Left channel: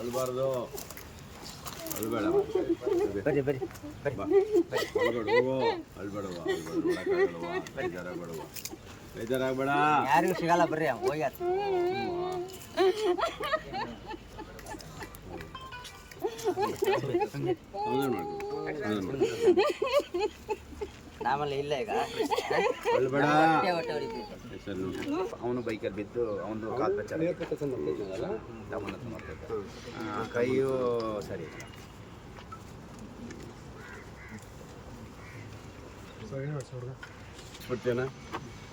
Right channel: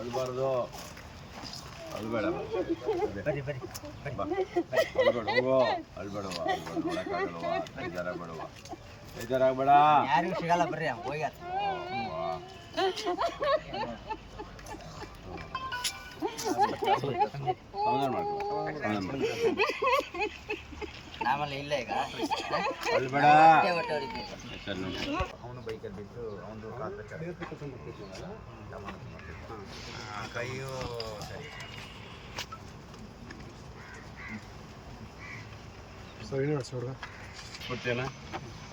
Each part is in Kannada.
ಅಳ್ಬಾರ್ದು, ಅಳ್ಬೇಡ, ಅಳ್ಬೇಡವ, ನೋಡಕ್ಕಾಗಲ್ವ, ಬೇಜಾರಾಗ್ಬೇಡ, ಯಾರಿಗೂ ಸಿಗಲ್ಲ ಬರ್ರಿ ಹೋಗ್ಯಾರ. ಆಮೇಲೆ ಇಲ್ಲ ಈಗ ಅಳ್ಬೇಡ. ಅವನು ಬೈಕಲ್ಲಿ ಬಿದ್ದು ಅವನು ಕಾಲು ಕೈಯು ಸರಿ ಕೊಡ್ತೇನಾ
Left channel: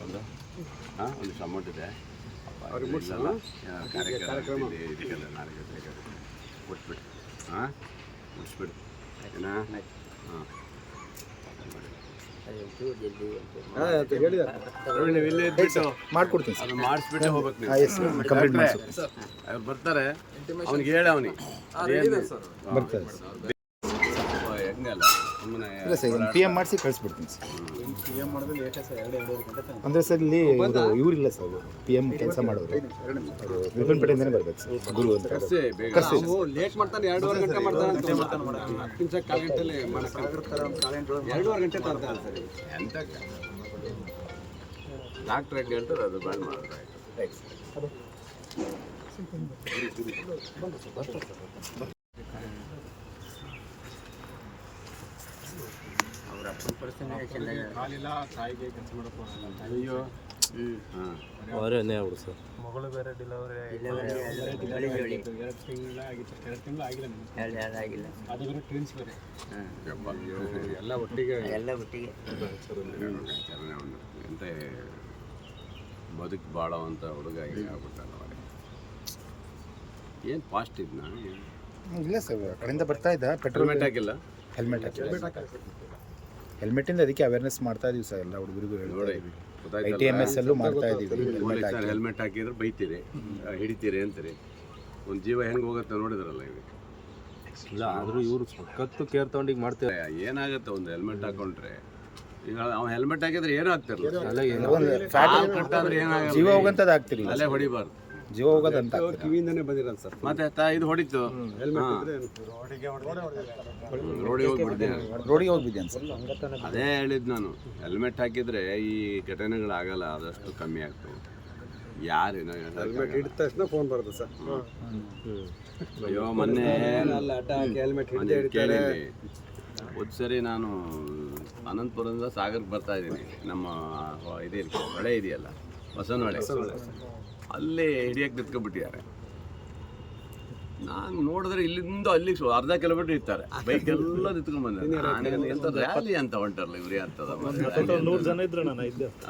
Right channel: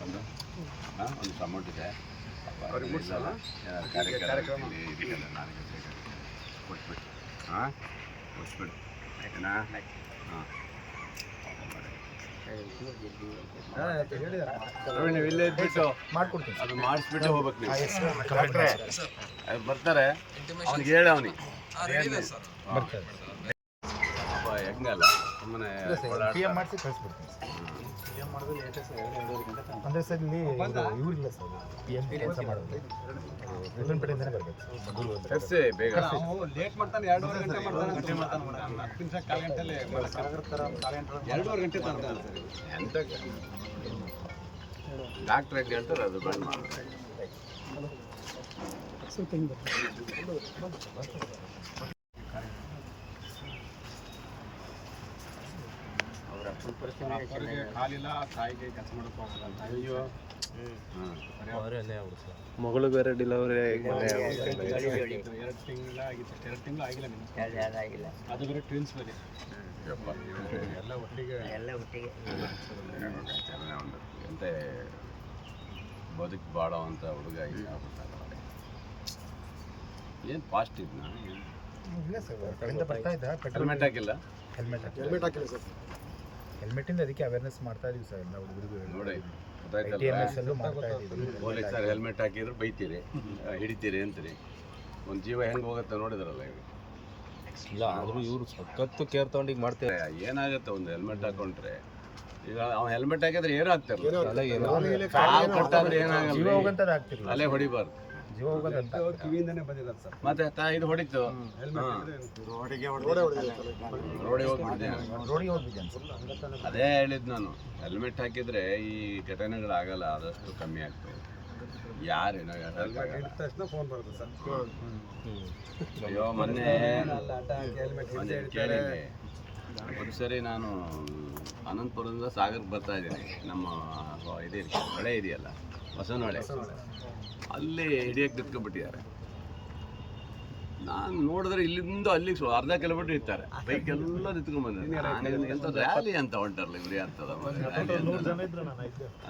ಒಂದು ಒಂದಿಷ್ಟು ಅಮೌಂಟ್ ಇದೆ ಇಲ್ಲಲ್ಲ, ಏನಾದ್ರು ಕಾರ್ಯಕ್ರಮ ಇದಕ್ಕೆಲ್ಲ ನಾಳೆಗೆ ಬೇಕಾಗುತ್ತೆ, ಕೊಟ್ಬಿಟ್ಟು ಮುಗಿಸ್ಬಿಡು ಆಯ್ತನಾ? ನೀವು ಇಲ್ಲೇ ಇದ್ಬಿಟ್ಟು ಮಾಡ್ಕೊಡ್ತೀನಿ, ಅದು ಮಾಡಿಸ್ಬಿಟ್ಟು ಹೋಗ್ಬೇಕು ನೀವು. ಅವ್ರು ಬರ್ತಾರೆ, ಅವ್ನಿಗೆ ಹೇಳ ಅವನಿಗೆ ಹೆಂಗಲ್ಲ ಸುಮ್ಮನೆ ಪಿ ಎಮ್ ಮಾಡಿಸಿ ಕಳಿಸ್ಬಿಡ್ತೀನಿ ಸರ್. ಅಂದರೆ ಸರ್ ಇಲ್ಲಿ ಇವರಿಲ್ಲ ಸರ್, ಪಿ ಎಮ್ ಕೆಲಸ ಮಾಡೋರು ವಿಪನ್ಪೇಟೆಯಿಂದನೇ ಬರ್ಬೇಕು ಸರ್. ಗುರು ಅಂತ ಕರ್ಸಿ ಬೇಗ. ಲೇಟ್ ಮಾಡ್ತಾನೆ, 2.5 ಗಂಟೆ ಮಾಡ್ತಾನೆ, 2 ಗಂಟೆಲಿ 2.5 ಗಂಟೆ ತರ್ತಾನೆ ಸರ್. ಎಂತಕ್ಕೆ ಡಾಕ್ಟ್ರ್ ಹೆಂಗೆ ಹೇಳ್ತಾರೆ ಅದು ಬಂದ್ ಮಾಡೋದು ಆಯ್ತು. ಅಪ್ಪರಿಗೆ ಕಾಲಿಲ್ಲ, ತಾಯಿಗೆ ಕೆಲಸ ಮಾಡೋಕ್ಕೂ ಆಗಲ್ಲ. ಅಯ್ಯೋ ಮಗಳು ಬೇರೆ ಡೆಲಿವರಿ 2 ತಿಂಗಳು ಆಗಿತ್ತು ಅಷ್ಟೇ, 2 ತಿಂಗಳು ಆಗಿಲ್ಲ ನಿಮ್ಗೆ. ಆಗಿಲ್ಲ, ಅದು ಬೇರೆ ಟ್ವಿನ್ಸ್ ಬೇರೆ, ಎಲ್ಲ ಒಟ್ಟಿಗೆ ಒಂದು ಎಂತ ಬದುಕು ಬಾಳೋವಂಥ ಹುಡುಗ ಈಗ ಆಗ್ಬಿಟ್ಟಲ್ಲ ಅವರೇ. ಏನು ಪಾಸ್ಟಿವ್ನಾ? ಇಲ್ಲ ಸರ್, ಕಡೆಯಿಂದ ಬರ್ತಾ ಇದ್ದ. ಹೆಲ್ಮೆಟ್ ಹಾಕಿಲ್ಲ, ಹೆಲ್ಮೆಟ್ ಹೆಲ್ಮೆಟಿಂದ ಅದಕ್ಕೆ ಅವೇರ್ನೆಸ್ ಮಾಡ್ತಾ ಇದೀವಿ ಸರ್ ಎಲ್ಲ ಹುಡುಗರಿಗೂ. ನೋಡಿ ITMS ಅಲ್ಲೂ ಮಾಡ್ತಾ ಇದೀವಿ. ಪೊಲೀಸರು ಹೆಲ್ಮೆಟ್ ಹಾಕಿದ್ರೆ ಬೈತೀರಿ, ಹಿಡಿತೀರಿ ಅಂತೀರಿ. ಒಂದು ಜೀವ ಹೆಂಗೆ ಹೋಗುತ್ತೆ ನೋಡಿದ್ರಲ್ಲ ಇವಾಗ. ಇಲ್ಲ ಆದರೂ ಇವರು ಸಖತ್ತು ಕೇರ್ ತಗೊಂಡಿಗೆ ಮಾಡ್ತಾರೆ. ಏನಾಗುತ್ತೆ ಒಂದು ಹೆಲ್ಮೆಟ್ ಹಾಕೊಂಡ್ರೆ, ಈಗ ಅವ್ನು ಹೆಲ್ಮೆಟ್ ಹಾಕಿದ್ರೆ ಏನೂ ಆಗ್ತಿರಲ್ಲ, ಕಟ್ಟಾದ್ರೆ ಏನಾಗಲ್ಲ, ಜೀವ ಹೋಗಂತದ್ದು ಆಗ್ತಿಲ್ಲ, ಅಲ್ಲೇ ಹೊಡಿಬಾರ್ದು, ಜೀವ ಹೋಗೋದಂತ ಕಿವಿಯಿಂದನೇ ಬಂದಿರೋದು ಸರ್. ಮತ್ತೆ ಇದು ಹೊಡಿತು, ರೋಡಿಗೆ ಹೋಗ್ಬಿದ್ದೇನೆ ಸರ್. ಅದೇ ಹೇಳಿದ್ದು ನಾನು, ಹೆಲ್ಮೆಟ್ ಹಾಕಿದ್ರೆ ಈ ಘಟನೆಗಳಾಗಲ್ಲ, ಆದಷ್ಟು ಕಮ್ಮಿ ಆಗ್ತವೆ. ಯಾರೇನೋ ಹಿಡಿದ ತಕ್ಷಣ ಫೋನ್ ಬರುತ್ತೆ ಸರ್. ಅಯ್ಯೋ ಮೊನ್ನೆ ಕೇಳಿ ಒಂದು ಸರಿ ನಾನು ಅನಂತಪುರದಿಂದ ಸಾಗರಕ್ಕೆ ಬರ್ತಾ ಇದ್ದೀನಿ, ನಮ್ಮ ಇದೆ ಹೊಳೆ ಇದೆಯಲ್ಲ ಬಸವನಹೊಳೆ, ಅಲ್ಲಿ ಹಿಡಿಯಕ್ಕೆ ನಿಂತ್ಕೊಂಡ್ಬಿಟ್ಟಿದ್ದಾರೆ. ನಾನು ನೋಡಿದ್ರೆ ಇಲ್ಲಿಂದ ಅಲ್ಲಿಗೆ ಅರ್ಧ ಕಿಲೋಮೀಟರ್ ಇರ್ತಾರೆ, ಬೈಕ್ ಎಲ್ಲ ನಿಂತ್ಕೊಂಡ್ಬಂದ. ನನಗೆ ಎಂತ ರ್ಯಾಲಿ ಅಂತ ಹೊಂಟಾರಲ್ಲ ಇವ್ರಿ ಅಂತದ ರ್ಯಾಲಿ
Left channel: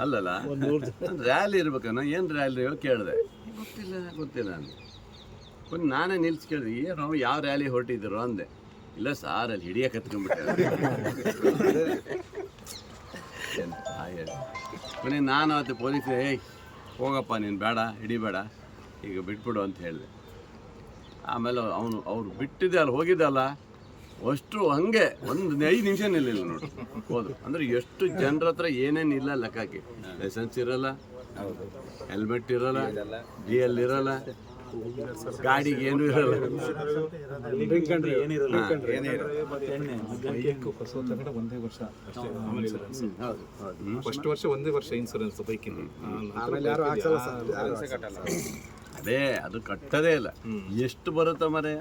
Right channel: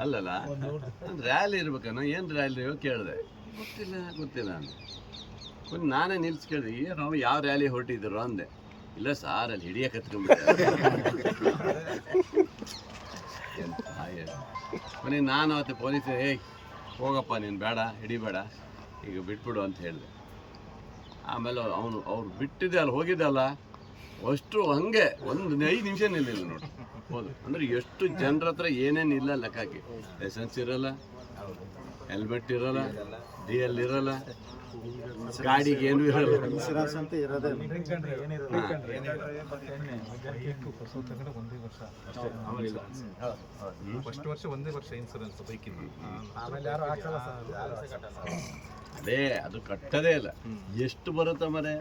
ಅಲ್ಲಲ್ಲ, ರ್ಯಾಲಿ ಇರ್ಬೇಕನ್ನ, ಏನು ರ್ಯಾಲಿ ಕೇಳಿದೆ, ಗೊತ್ತಿಲ್ಲ ನಾನು. ಒಂದು ನಾನೇ ನಿಲ್ಸಿ ಕೇಳಿದೆ, ಏನು ಯಾವ ರ್ಯಾಲಿ ಹೊರಟಿದ್ರು ಅಂದೆ. ಇಲ್ಲ ಸಾರ್ ಅಲ್ಲಿ ಹಿಡಿಯಕ್ಕೆ ಹತ್ಕೊಂಡ್ಬಿಟ್ಟಾರೆ. ಕೊನೆ ನಾನು ಅವತ್ತು ಪೊಲೀಸ್ ಹೋಗಪ್ಪ ನೀನು ಬೇಡ ಹಿಡಿಬೇಡ ಈಗ ಬಿಟ್ಬಿಡು ಅಂತ ಹೇಳಿದೆ. ಆಮೇಲೆ ಅವ್ರು ಬಿಟ್ಟಿದ್ದೆ ಅಲ್ಲಿ ಹೋಗಿದ್ದಲ್ಲ ಅಷ್ಟು ಹಂಗೆ ಒಂದು 5 ನಿಮಿಷ ನಿಲ್ಲಿಲ್ಲ ನೋಡಿ ಹೋದು. ಅಂದರೆ ಎಷ್ಟು ಜನರ ಹತ್ರ ಏನೇನು ಇಲ್ಲ ಲೆಕ್ಕಕ್ಕೆ, ಲೈಸೆನ್ಸ್ ಇರೋಲ್ಲ, ಹೆಲ್ಮೆಟ್ ಇರೋಲ್ಲ, DL ಇರೋಲ್ಲ, ಗಾಡಿಗೆ ಏನೂ ಇರೋಲ್ಲ. ಫಸ್ಟ್ ವರ್ಷ ಒಂದೇ ವರ್ಷ ಇನ್ಸೂರೆನ್ಸ್ ಬೈಕಿನ, ಅದೇ ಅದು ಕಟ್ಟದೇ ಇಲ್ಲ. ಎಷ್ಟು ಬರುತ್ತೆ ಮರೆ.